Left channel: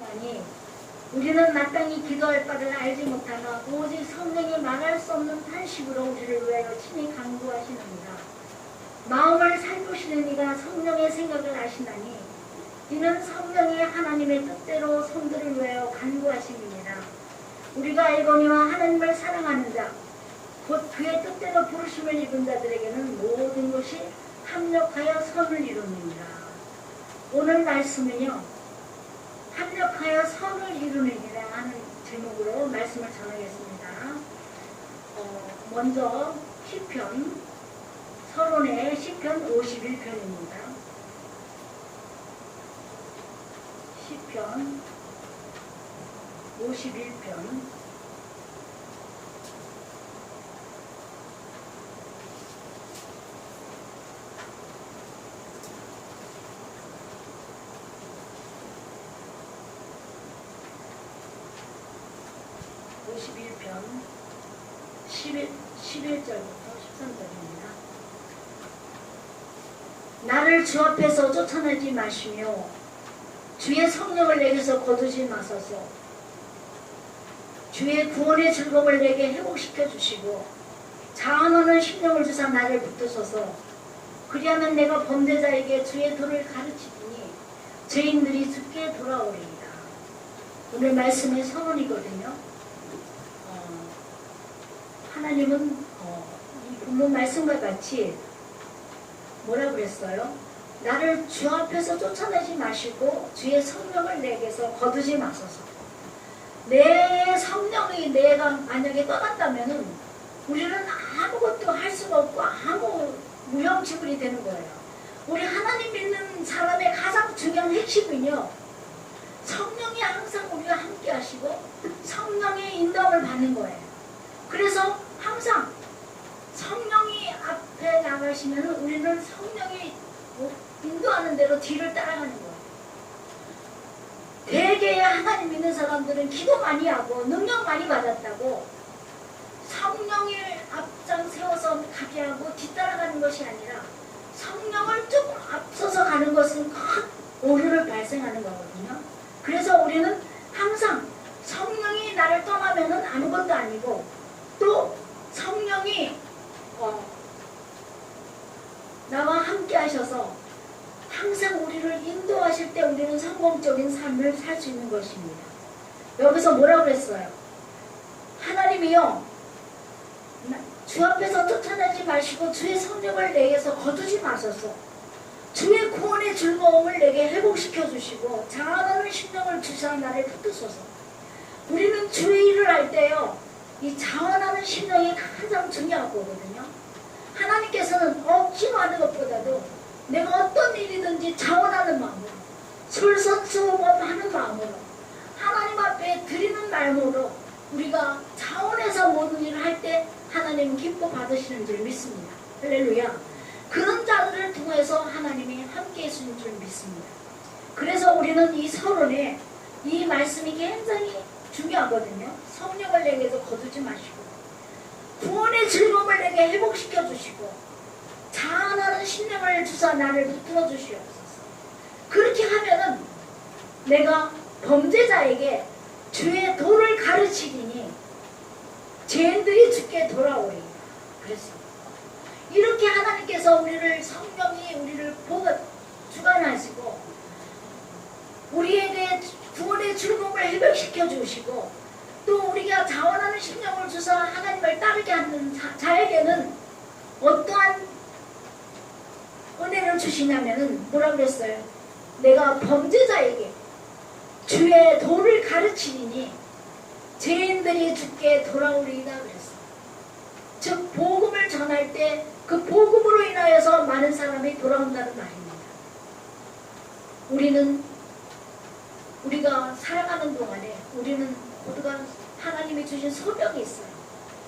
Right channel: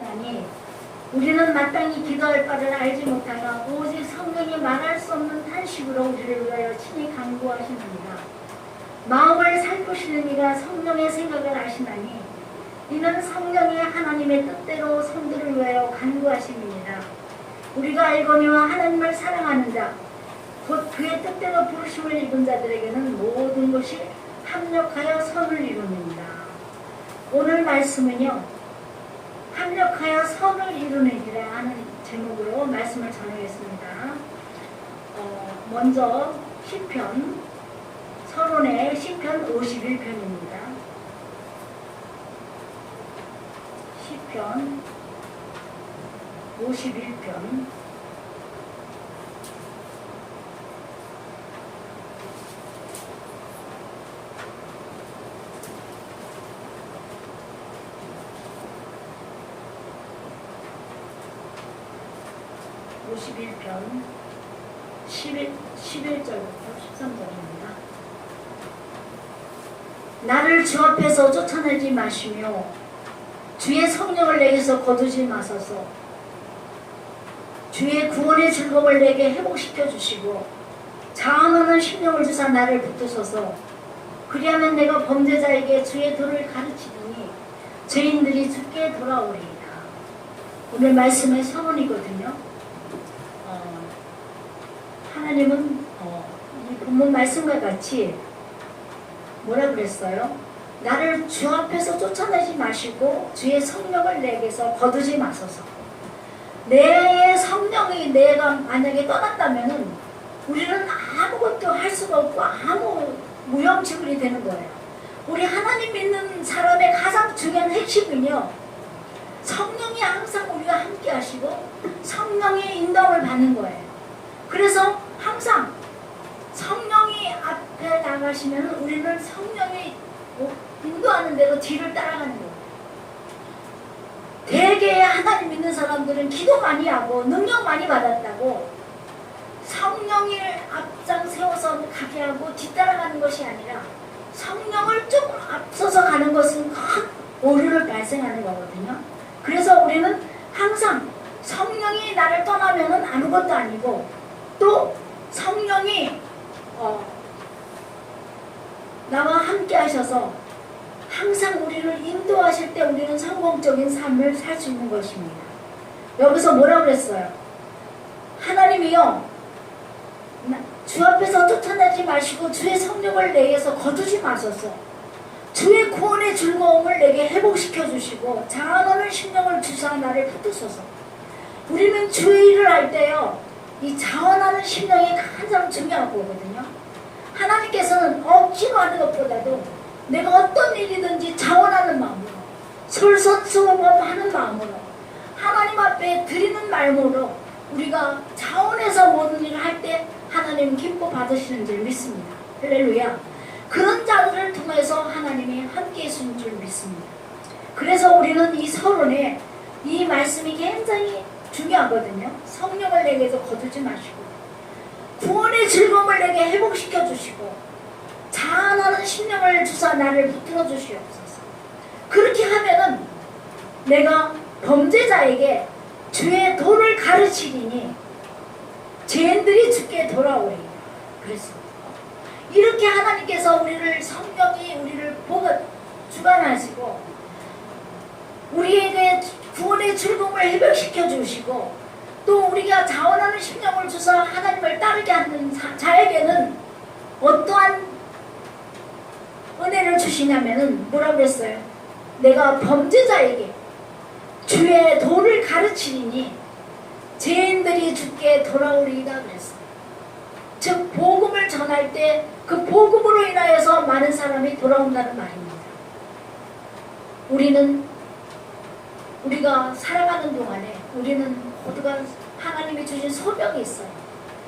하시나니 우리는 마땅히 기도할 바를 알지 못하나 오직 성령이 말할 수 없는 탄식으로 우리를 위하여 친히 간구하시느니라. 마음을 살피시는 이가 성령의 생각을 아시나니 이는 성령의 하나님의 뜻대로 성도를 위하여 간구하심이니라. 우리가 알거니와 하나님을 사랑하는 자 곧 그의 뜻대로 부르심을 입은 자들에게는 모든 것이 합력하여 선을 이루느니라. 오늘 말씀은요, 합력하여 선을 이루느니라 하는 제목으로 말씀을 전하겠습니다. 먼저 시편, 서론의 시편 51편입니다. 시편 51편 51편 11절부터 13절입니다. 나를 주 앞에서 쫓아내지 마시며 주의 성령을 내게서 거두지 마소서. 주의 구원의 즐거움을 내게 회복시켜 주시고 자원하는 심령을 주사 나를 붙드소서. 그리하면 내가 범죄자에게 주의 도를 가르치더니 죄인들이 주께 돌아오리이다. 오늘 말씀의 서론이거든요. 하나님은 이 본문 말씀과 같이 뭐라 그랬어요? 나를 주 앞에서 쫓아내지 마시고 주의 성령을 내게서 거두지 마소서. 내 성령이 내가 만약에 떠난다면은 우리는 아무것도 할 수가 없고 아무 무용지물이 되는 거예요. 우리 하나님 믿는 사람의 가장 중요한 핵심은요, 성령이 항상 우리가 함께 하시고 성령의 인도를 받는 거예요. 그래서 항상 성령이 앞에 나가시면 우리는 성령이 인도하는 대로 뒤를 따라가는 거예요. 대개 하나님 믿는 사람들은 기도 많이 하고 능력 많이 받았다고 성령이 앞장 세워서 가게 하고 뒤따라가는 것이 아니라 성령을 조금 앞서서 가는 것은 큰 오류를 발생하는 거거든요. 그래서 우리는 항상 성령이 나를 떠나면은 아무것도 아니고 또 성령이 나와 함께 하셔서 항상 우리를 인도하실 때 우리는 성공적인 삶을 살 수 있는 것입니다. 여기서 뭐라고 그랬어요? 하나님이요, 주 앞에서 쫓아내지 마시고 주의 성령을 내게서 거두지 마소서. 주의 구원의 즐거움을 내게 회복시켜 주시고 자원하는 심령을 주사 나를 붙드소서. 우리는 주의 일을 할 때요, 이 자원하는 심령이 가장 중요한 거거든요. 하나님께서는 억지로 하는 것보다도 내가 어떤 일이든지 자원하는 마음으로, 솔선수범하는 마음으로, 하나님 앞에 드리는 마음으로 우리가 자원해서 모든 일을 할 때 하나님 기뻐 받으시는 줄 믿습니다. 할렐루야. 그런 자들을 통해서 하나님이 함께 해주신 줄 믿습니다. 그래서 우리는 이 서론에 이 말씀이 굉장히 중요하거든요. 성령을 내게서 거두지 마시고 구원의 즐거움을 내게 회복시켜 주시고 자원하는 심령을 주사 나를 붙들어 주시옵소서. 그렇게 하면은 내가 범죄자에게 주의 도를 가르치리니 죄인들이 주께 돌아오리라 그랬습니다. 이렇게 하나님께서 우리를, 성령이 우리를 주관하시고 우리에게 구원의 즐거움을 회복시켜 주시고 또 우리가 자원하는 심령을 주사 하나님을 따르게 하는 자에게는 어떠한 은혜를 주시냐면은 뭐라고 그랬어요? 내가 범죄자에게 주의 도를 가르치리니 죄인들이 주께 돌아오리이다 그랬어요. 즉 복음을 전할 때 그 복음으로 인하여서 많은 사람이 돌아온다는 말입니다. 우리가 살아가는 동안에 우리는 모두가 하나님이 주신 소명이 있어요.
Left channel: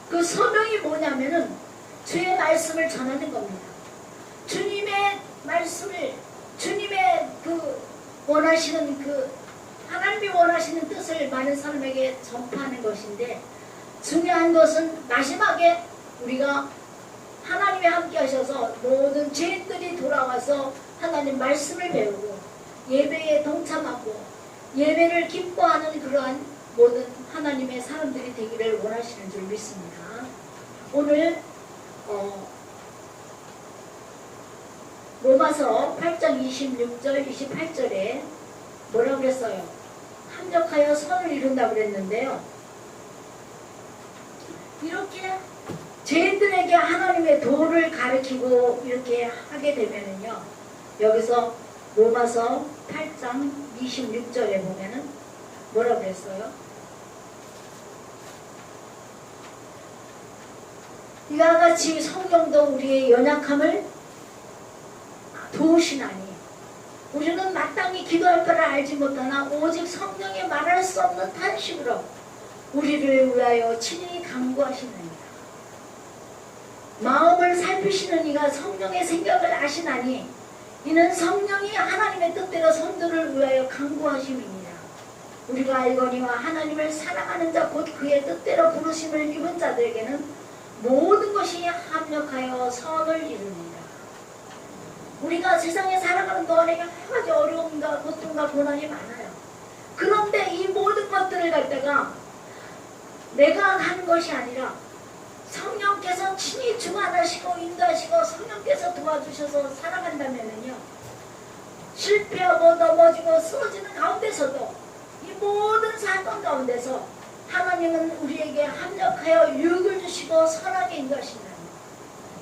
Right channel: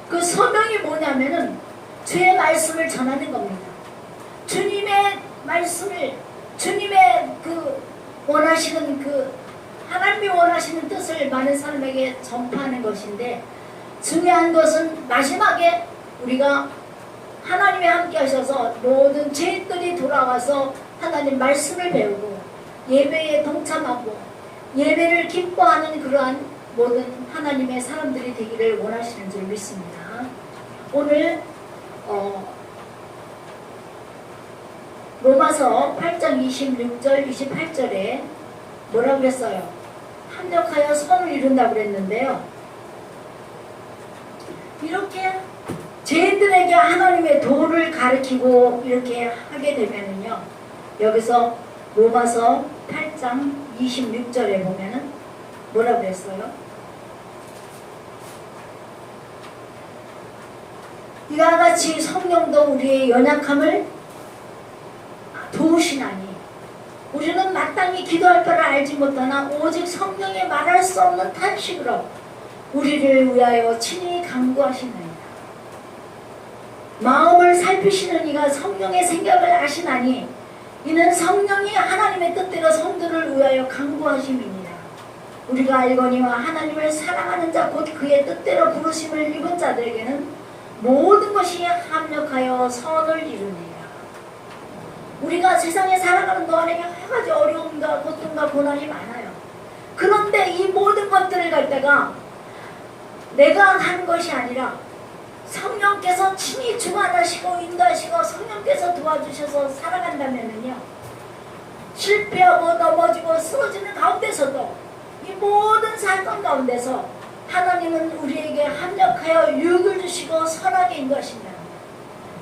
그 소명이 뭐냐면은 주의 말씀을 전하는 겁니다. 주님의 말씀을, 주님의 하나님이 원하시는 뜻을 많은 사람에게 전파하는 것인데, 중요한 것은 마지막에 우리가 하나님이 함께 하셔서 모든 죄인들이 돌아와서 하나님 말씀을 배우고 예배에 동참하고 예배를 기뻐하는 그러한 모든 하나님의 사람들이 되기를 원하시는 줄 믿습니다. 오늘 로마서 8장 26절 28절에 뭐라고 그랬어요? 합력하여 선을 이룬다고 그랬는데요. 이렇게 죄인들에게 하나님의 도를 가르치고 이렇게 하게 되면은요, 여기서 로마서 8장 26절에 보면은 뭐라고 했어요? 이와 같이 성령도 우리의 연약함을 도우시나니 우리는 마땅히 기도할 바를 알지 못하나 오직 성령의 말할 수 없는 탄식으로 우리를 위하여 친히 간구하시느니라. 마음을 살피시는 이가 성령의 생각을 아시나니 이는 성령이 하나님의 뜻대로 성도를 위하여 간구하심이니라. 우리가 알거니와 하나님을 사랑하는 자 곧 그의 뜻대로 부르심을 입은 자들에게는 모든 것이 합력하여 선을 이루니라. 우리가 세상에 살아가는 동안에 여러 가지 어려움과 고통과 고난이 많아요. 그런데 이 모든 것들을 갈 때가 내가 한 것이 아니라 성령께서 친히 주관하시고 인도하시고 성령께서 도와주셔서 살아간다면요, 실패하고 넘어지고 쓰러지는 가운데서도 이 모든 사건 가운데서 하나님은 우리에게 합력하여 유익을 주시고 선하게 인도하신다.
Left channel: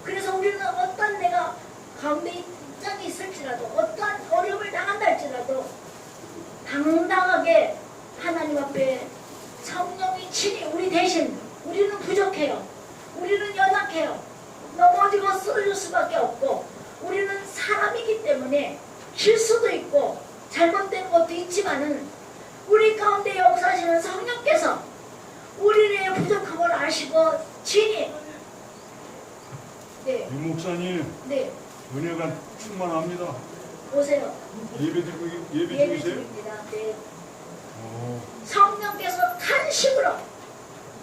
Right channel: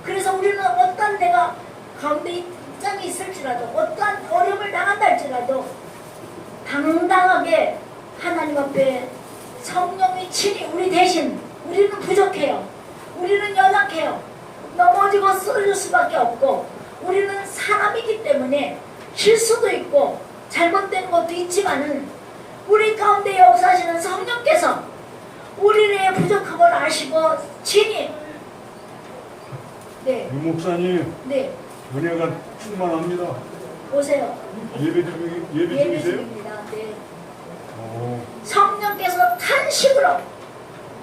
그래서 우리는 어떤 내가 가운데 입장이 있을지라도 어떠한 어려움을 당한다 할지라도 당당하게 하나님 앞에 성령이 친히 우리 대신, 우리는 부족해요. 우리는 연약해요. 넘어지고 쓰러질 수밖에 없고 우리는 사람이기 때문에 실수도 있고 잘못된 것도 있지만은 우리 가운데 역사하시는 성령께서 우리의 부족함을 아시고 친히 이 목사님 네 은혜가 충만합니다. 오세요. 예배 중이세요? 중입니다. 네. 성령께서 탄식으로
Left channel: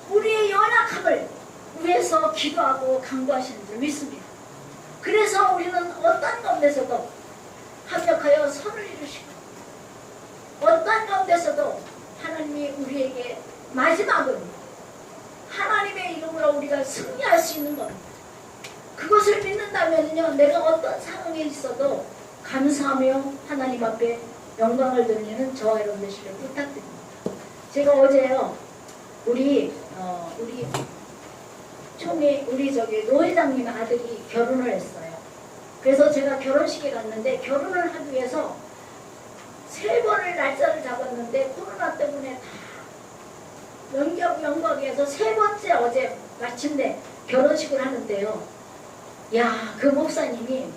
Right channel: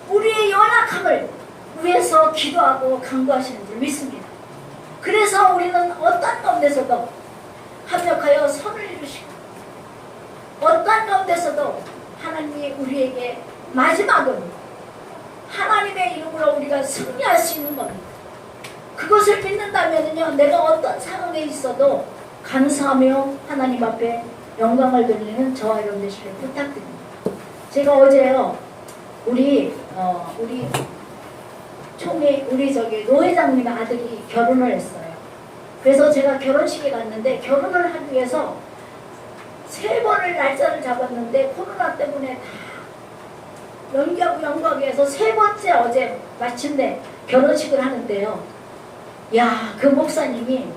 우리의 연약함을 위해서 기도하고 간구하시는 줄 믿습니다. 그래서 우리는 어떤 가운데서도 합력하여 선을 이루시고 어떤 가운데서도 하나님이 우리에게 마지막은 하나님의 이름으로 우리가 승리할 수 있는 겁니다. 그것을 믿는다면요, 내가 어떤 상황에 있어도 감사하며 하나님 앞에 영광을 돌리는 저와 여러분 되시길 부탁드립니다. 제가 어제요, 우리 노 회장님 아들이 결혼을 했어요. 그래서 제가 결혼식에 갔는데 결혼을 하기 위해서 3번을 날짜를 잡았는데 코로나 때문에 다 연기하기 위해서 3번째 어제 마침내 결혼식을 하는데요. 야, 그 목사님이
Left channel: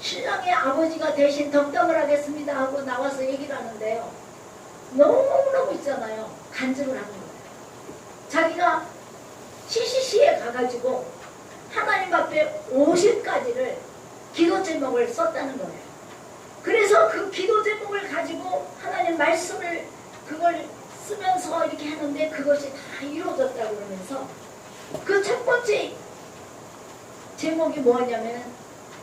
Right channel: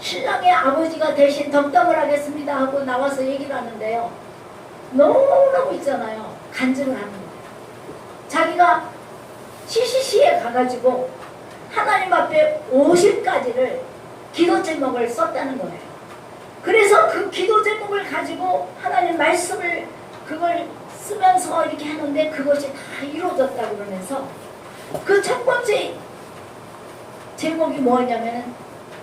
신랑의 아버지가 대신 덕담을 하겠습니다 하고 나와서 얘기를 하는데요. 너무너무 있잖아요. 간증을 하는 거예요. 자기가 CCC에 가가지고 하나님 앞에 50가지를 기도 제목을 썼다는 거예요. 그래서 그 기도 제목을 가지고 하나님 말씀을 그걸 쓰면서 이렇게 하는데 그것이 다 이루어졌다고 그러면서 그 첫 번째 제목이 뭐냐면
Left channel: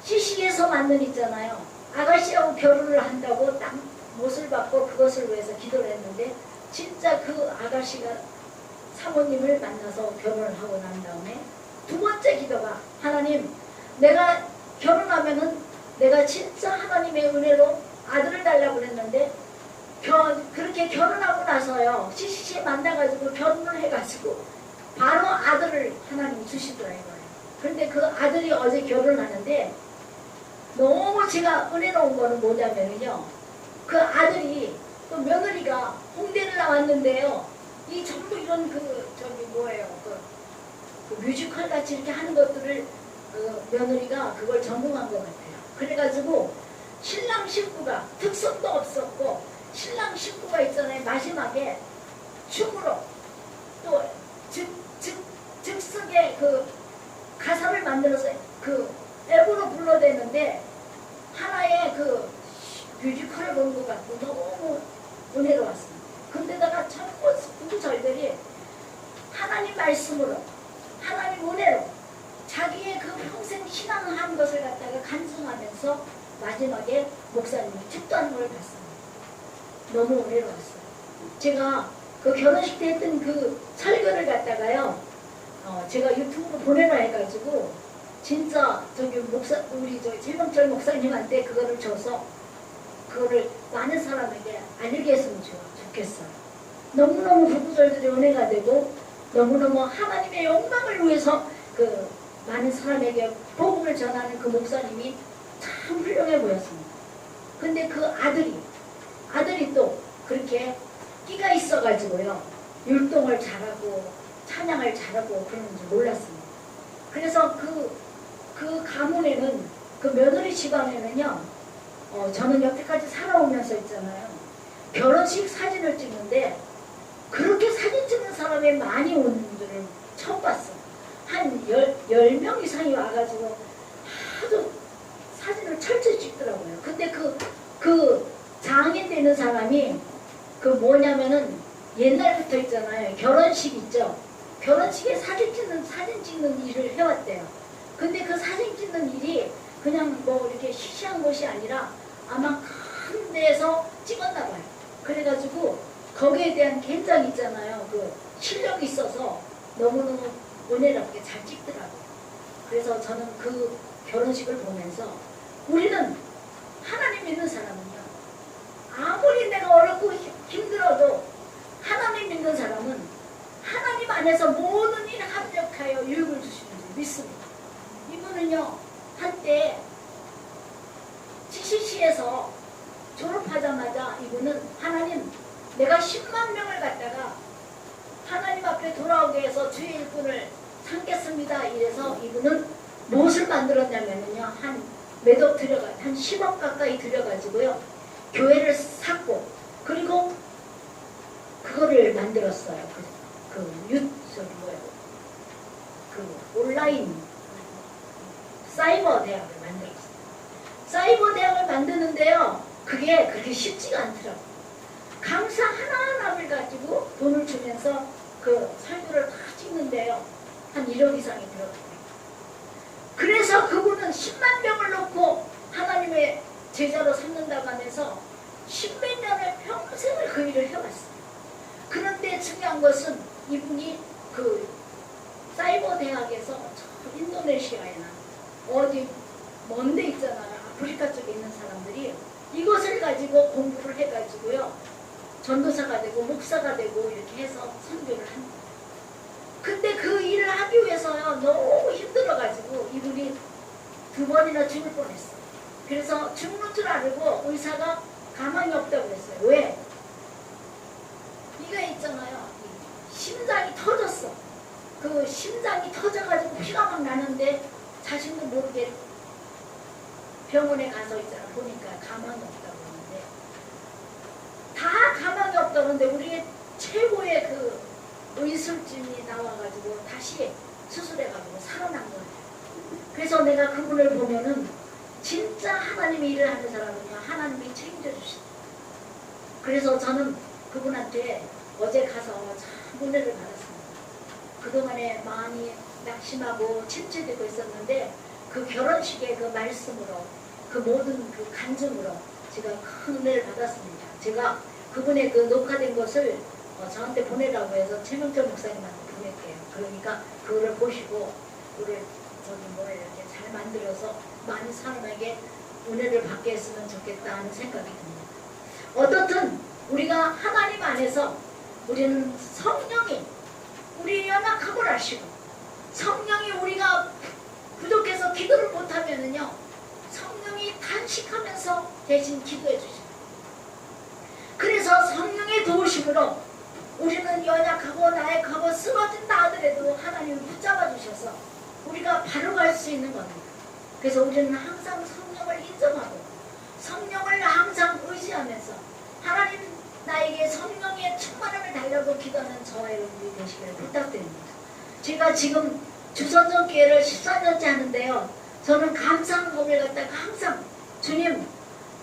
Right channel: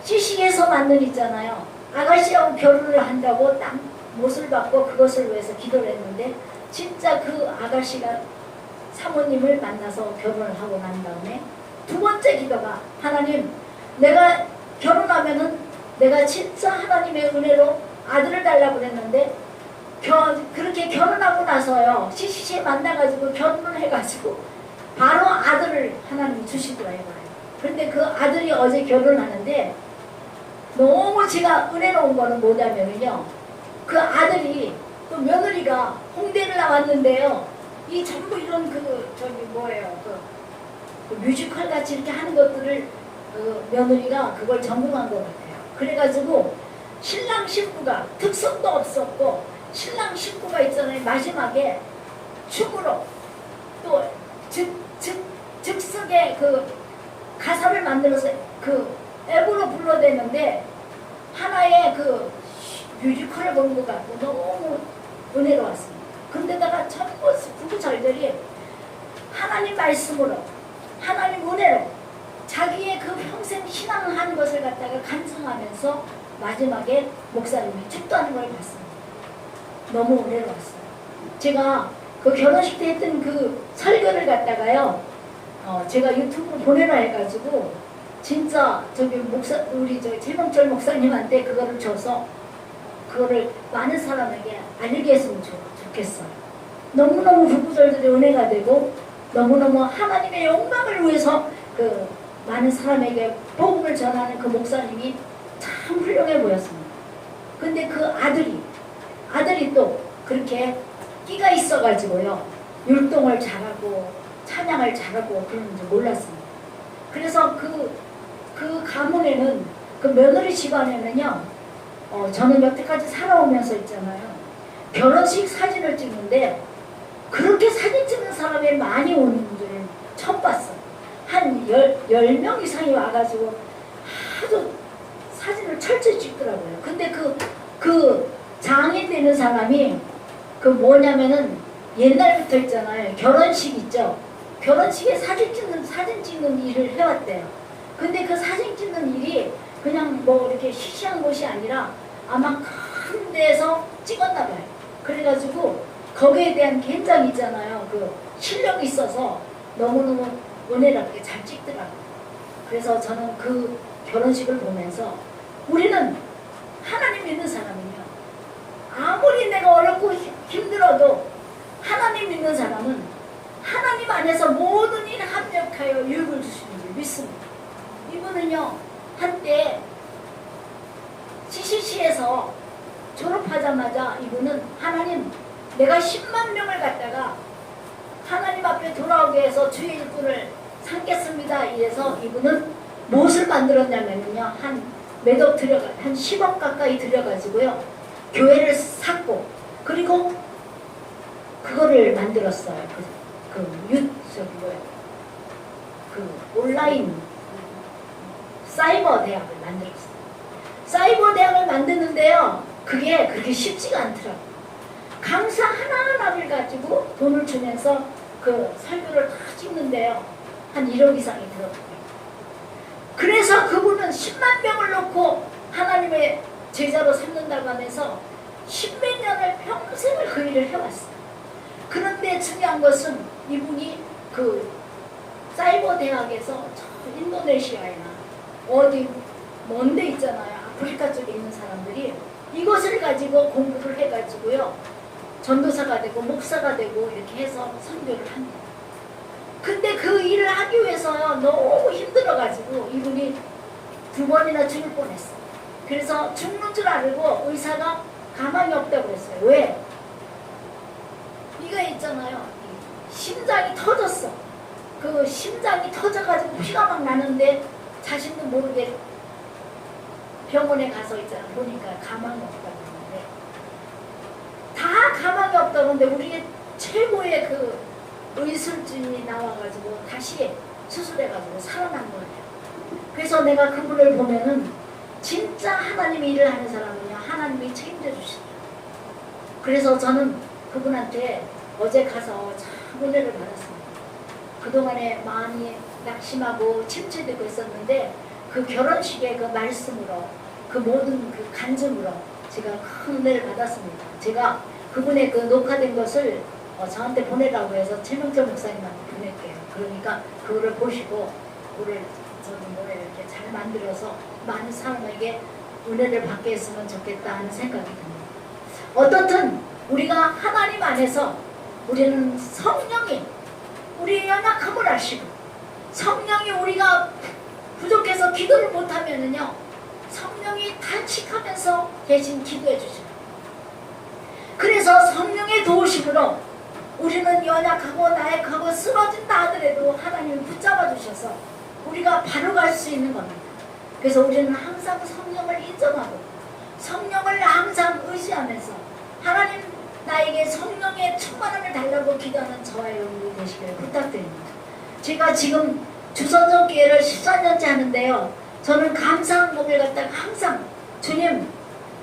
CC에서 만든 있잖아요. 아가씨하고 결혼을 한다고 딱 못을 받고 그것을 위해서 기도를 했는데 진짜 그 아가씨가 사모님을 만나서 결혼을 하고 난 다음에 두 번째 기도가 하나님, 내가 결혼하면은 내가 진짜 하나님의 은혜로 아들을 달라고 그랬는데 그렇게 결혼하고 나서요, CCC에 만나가지고 결혼을 해가지고 바로 아들을 하나님 주시더라고요. 그런데 그 아들이 어제 결혼하는데 너무 제가 은혜로운 거는 뭐냐면요, 그 아들이 또 며느리가 홍대를 나왔는데요, 이 전부 이런 그 뮤지컬 같이 이렇게 하는 것들을 며느리가 그걸 전공한 것 같아요. 그래가지고 신랑 신부가 특성도 없었고 신랑 신부가 있잖아요. 마지막에 춤으로 또 즉석의 그 가사를 만들어서 그 앱으로 불러대는데 하나의 그 뮤지컬을 본 것 같고 너무 은혜로웠습니다. 근데다가 전부 부부절들이 하나님 말씀으로 하나님 은혜로 자기의 그 평생 신앙한 것을 갖다가 간증하면서 마지막에 목사님이 축도하는 걸 봤습니다. 너무 어려웠어요. 제가 그 결혼식 때 했던 그 설교를 갖다가요, 제가 유튜브로 보내라 해가지고 진짜 저기 우리 저 최명철 목사님한테 그거를 줘서 그거를 많은 사람에게 알리게 했으면 좋겠어요. 너무너무 부부절들의 은혜가 되고 너무너무 하나님의 영광을 위해서 그 많은 사람에게 복음을 전하는 그 목사님이 참 훌륭해 보였습니다. 근데 그 아들이 또 그렇게 끼가 있어가지고요, 율동을 잘하고 찬양을 잘하고 그러는지 몰랐습니다. 그래서 그 가문에는, 그 며느리 집안에는요, 저는 여태까지 살아오면서 있잖아요, 결혼식 사진을 찍는데 그렇게 사진 찍는 사람이 많이 오는 줄은 처음 봤어요. 한 10명 이상이 와가지고 하도 사진을 철저히 찍더라고요. 근데 그 장인 되는 사람이 그 뭐냐면은 옛날부터 있잖아요, 결혼식 있죠. 결혼식에 사진 찍는 일을 해왔대요. 근데 그 사진 찍는 일이 그냥 뭐 이렇게 시시한 것이 아니라 아마 큰 데에서 찍었나 봐요. 그래가지고 거기에 대한 굉장히 있잖아요, 그 실력이 있어서 너무너무 은혜롭게 잘 찍더라고요. 그래서 저는 그 결혼식을 보면서 우리는 하나님 믿는 사람은요, 아무리 내가 어렵고 힘들어도 하나님 믿는 사람은 하나님 안에서 모든 일 합력하여 유익을 주시는 줄 믿습니다. 이분은요, 한때 CCC에서 졸업하자마자 이분은 하나님, 내가 10만 명을 갖다가 하나님 앞에 돌아오게 해서 주의 일꾼을 삼겠습니다. 이래서 이분은 무엇을 만들었냐면요, 매도 한 10억 가까이 들여가지고요, 교회를 샀고, 그리고 그거를 만들었어요. 온라인 사이버 대학을 만들었어요. 사이버 대학을 만드는데요, 그게 그렇게 쉽지가 않더라고요. 강사 하나하나를 가지고 돈을 주면서 그 설교를 다 찍는데요, 한 1억 이상이 들었고요. 그래서 그분은 10만 명을 놓고 하나님의 제자로 삼는다고 하면서 10몇 년을 평생을 그 일을 해왔어요. 그런데 중요한 것은 이분이 그 사이버 대학에서 저 인도네시아나 어디 먼데 있잖아요, 아프리카 쪽에 있는 사람들이 이것을 가지고 공부를 해가지고요, 전도사가 되고 목사가 되고 이렇게 해서 선교를 합니다. 근데 그 일을 하기 위해서 너무 힘들어가지고 이분이 2번이나 죽을 뻔했어요. 그래서 죽는 줄 알고 의사가 가망이 없다고 했어요. 왜? 이거 있잖아요, 심장이 터졌어. 그 심장이 터져가지고 피가 막 나는데 자신도 모르게 병원에 가서 있잖아, 보니까 가망이 없다고 하는데, 다 가망이 없다고 하는데 우리 최고의 그 의술진이 나와가지고 다시 수술해가지고 살아난 거예요. 그래서 내가 그분을 보면은 진짜 하나님이 일을 하는 사람은요, 하나님이 책임져 주신다. 그래서 저는 그분한테 어제 가서 참 은혜를 받았습니다. 그동안에 많이 낙심하고 침체되고 있었는데 그 결혼식의 그 말씀으로, 그 모든 그 간증으로 제가 큰 은혜를 받았습니다. 제가 그분의 그 녹화된 것을 저한테 보내라고 해서 최명철 목사님한테 보낼게요. 그러니까 그거를 보시고 우리 이렇게 잘 만들어서 많은 사람에게 은혜를 받게 했으면 좋겠다 하는 생각이 듭니다. 어떻든 우리가 하나님 안에서 우리는 성령이 우리의 연약함을 아시고, 성령이 우리가 부족해서 기도를 못하면은요, 성령이 탄식하면서 대신 기도해 주시죠. 그래서 성령의 도우심으로 우리는 연약하고 나약하고 쓰러진다 하더라도 하나님이 붙잡아 주셔서 우리가 바로 갈 수 있는 겁니다. 그래서 우리는 항상 성령을 인정하고 성령을 항상 의지하면서 하나님, 나에게 성령의 충만함을 달라고 기도하는 저와 여러분이 되시기를 부탁드립니다. 제가 지금 주선전교회를 14년째 하는데요, 저는 감사한 고백을 갖다가 항상 주님,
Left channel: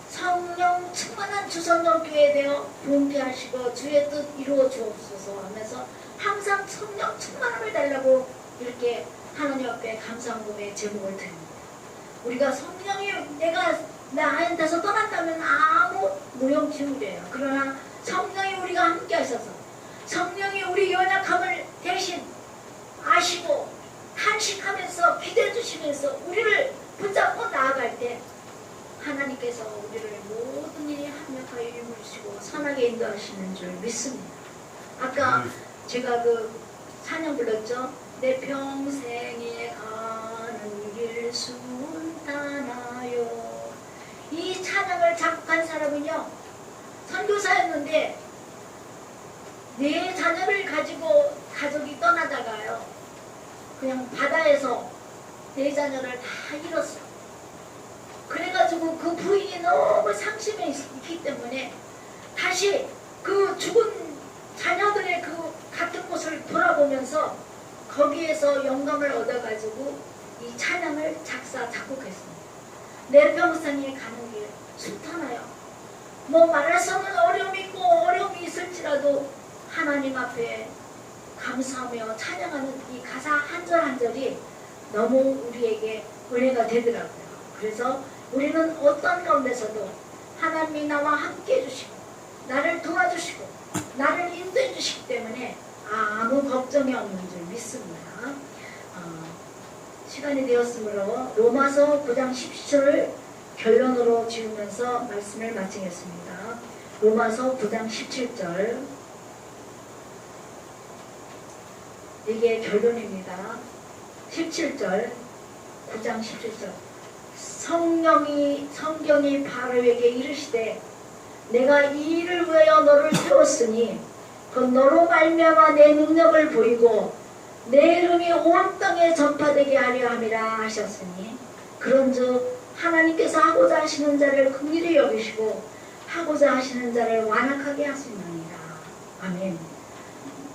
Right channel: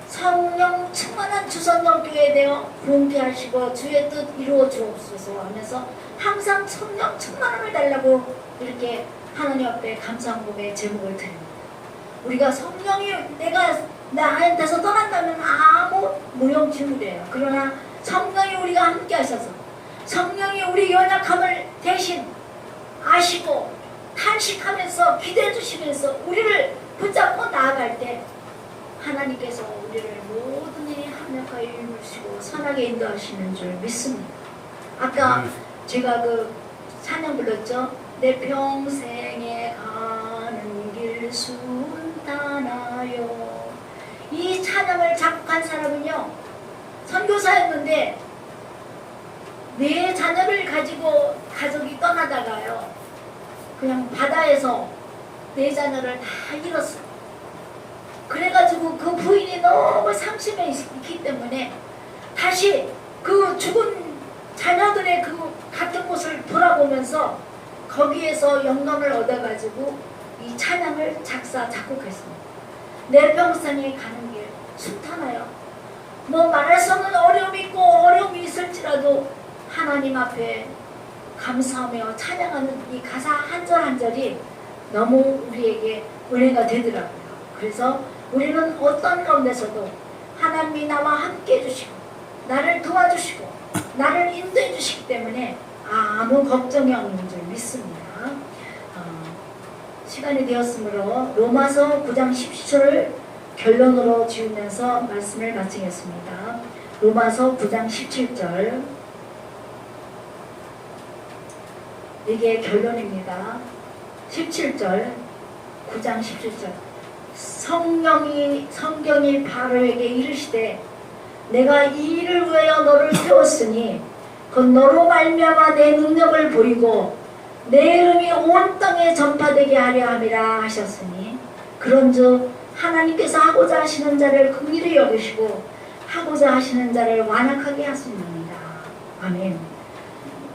성령 충만한 주선전교회에 대해 부흥케 하시고 주의 뜻 이루어 주옵소서 하면서 항상 성령 충만함을 달라고 이렇게 하나님 앞에 감사한 고백의 제목을 드립니다. 우리가 성령이, 내가 나한테서 떠난다면 아무 무용지물이에요. 그러나 성령이 우리가 함께 하셔서 성령이 우리 연약함을 대신 아시고 탄식하면서 기도해 주시면서 우리를 붙잡고 나아갈 때 하나님께서 우리를 모든 일이 합력하여 이루시고 선하게 인도하시는 줄 믿습니다. 아까 제가 그 찬양 불렀죠. 내 평생에 가는 길 순탄하여. 이 찬양을 작곡한 사람은요 선교사였는데 네 자녀를 가지고 가족이 떠나다가요 그냥 바다에서 네 자녀를 다 잃었어요. 그래가지고 그 부인이 너무 상심해 있기 때문에 다시 그 죽은 자녀들의 그 같은 곳을 돌아보면서 거기에서 영감을 얻어가지고 이 찬양을 작곡했습니다. 내 평생에 가는 길 순탄하여. 뭐 말할 수 없는 어려움이 있고 어려움이 있을지라도 하나님 앞에 감사하며 찬양하는 이 가사 한 절 한 절이 너무 우리에게 은혜가 되더라고요. 그래서 우리는 어떤 가운데서도 하나님이 나와 함께 해주시고 나를 도와주시고 나를 인도해 주시기 때문에 아무 걱정이 없는 줄 믿습니다. 시간이 되었으므로 로마서 9장 17절을 결론으로 지으면서 말씀을 마치겠습니다. 로마서 9장 17절 이게 결론입니다. 17절 9장 17절 성경이 바로에게 이르시되 내가 이 일을 위하여 너를 세웠으니 곧 너로 말미암아 내 능력을 보이고 내 이름이 온 땅에 전파되게 하려 함이라 하셨으니 그런즉 하나님께서 하고자 하시는 자를 긍휼히 여기시고 하고자 하시는 자를 완악하게 하시느니라. 아멘.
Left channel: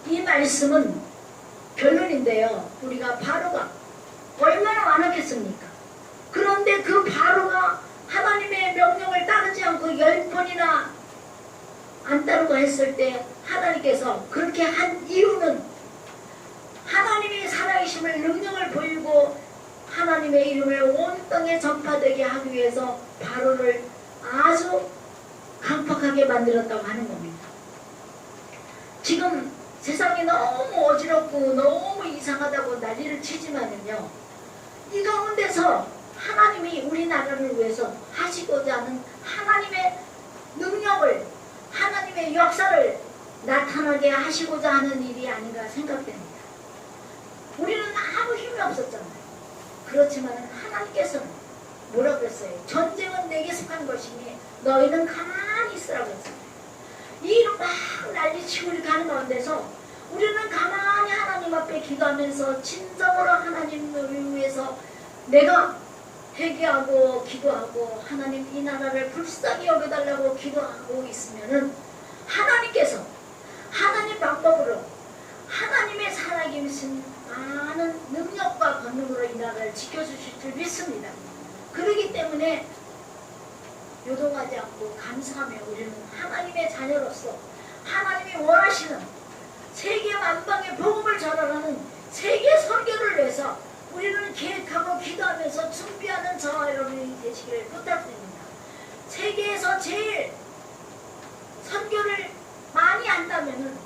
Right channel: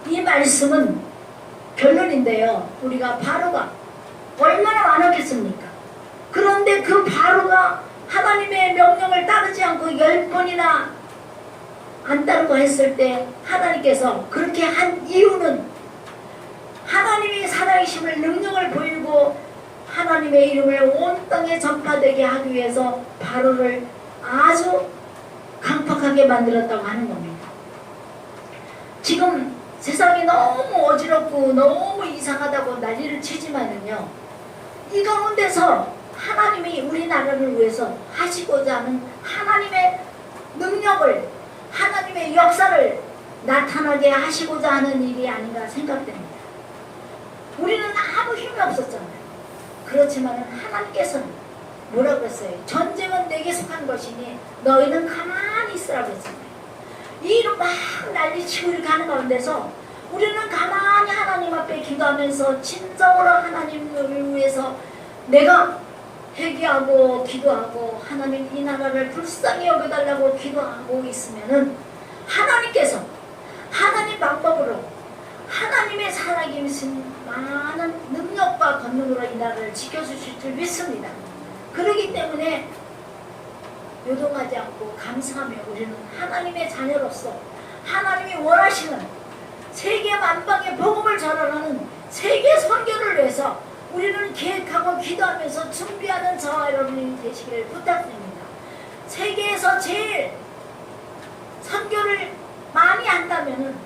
이 말씀은 결론인데요. 우리가 바로가 얼마나 완악했습니까? 그런데 그 바로가 하나님의 명령을 따르지 않고 10번이나 안 따르고 했을 때 하나님께서 그렇게 한 이유는 하나님의 살아계심을 능력을 보이고 하나님의 이름을 온 땅에 전파되게 하기 위해서 바로를 아주 강팍하게 만들었다고 하는 겁니다. 지금 세상이 너무 어지럽고 너무 이상하다고 난리를 치지만은요 이 가운데서 하나님이 우리나라를 위해서 하시고자 하는 하나님의 능력을 하나님의 역사를 나타나게 하시고자 하는 일이 아닌가 생각됩니다. 우리는 아무 힘이 없었잖아요. 그렇지만 하나님께서는 뭐라고 했어요? 전쟁은 내게 속한 것이니 너희는 가만히 있으라고 했잖아요. 이 막 난리치고 이렇게 하는 가운데서 우리는 가만히 하나님 앞에 기도하면서 진정으로 하나님을 위해서 내가 회개하고 기도하고 하나님 이 나라를 불쌍히 여겨달라고 기도하고 있으면은 하나님께서 하나님 방법으로 하나님의 살아계신 많은 능력과 권능으로 이 나라를 지켜주실 줄 믿습니다. 그렇기 때문에 요동하지 않고 감사하며 우리는 하나님의 자녀로서 하나님이 원하시는 세계 만방의 복음을 전하는 세계 선교를 위해서 우리는 계획하고 기도하면서 준비하는 저와 여러분이 되시기를 부탁드립니다. 세계에서 제일 선교를 많이 한다면은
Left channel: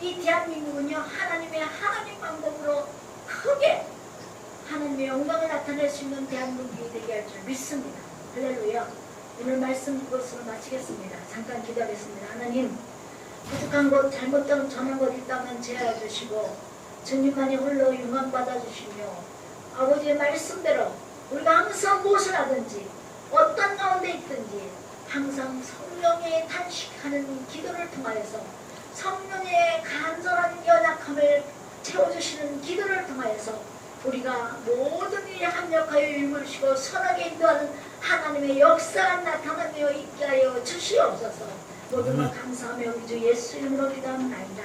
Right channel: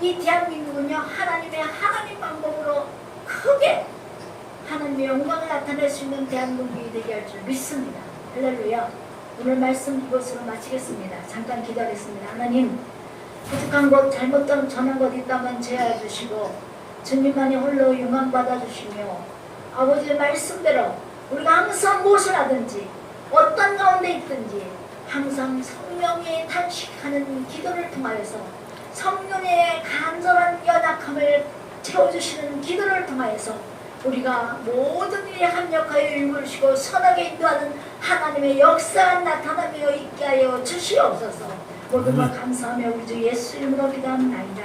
이 대한민국은요 하나님 방법으로 크게 하나님의 영광을 나타낼 수 있는 대한민국이 되게 할 줄 믿습니다. 할렐루야. 오늘 말씀 이것으로 마치겠습니다. 잠깐 기도하겠습니다. 하나님 부족한 것 잘못 전한 것 있다면 제하여 주시고 주님만이 홀로 영광 받아주시며 아버지의 말씀대로 우리가 항상 무엇을 하든지 어떤 가운데 있든지 항상 성령의 탄식하는 기도를 통하여서 성령의 간절한 연약함을 채워주시는 기도를 통하여서 우리가 모든 일에 합력하여 이루시고 선하게 인도하는 하나님의 역사가 나타나며 있게 하여 주시옵소서. 모두가 감사하며 우리 주 예수 이름으로 기도합니다.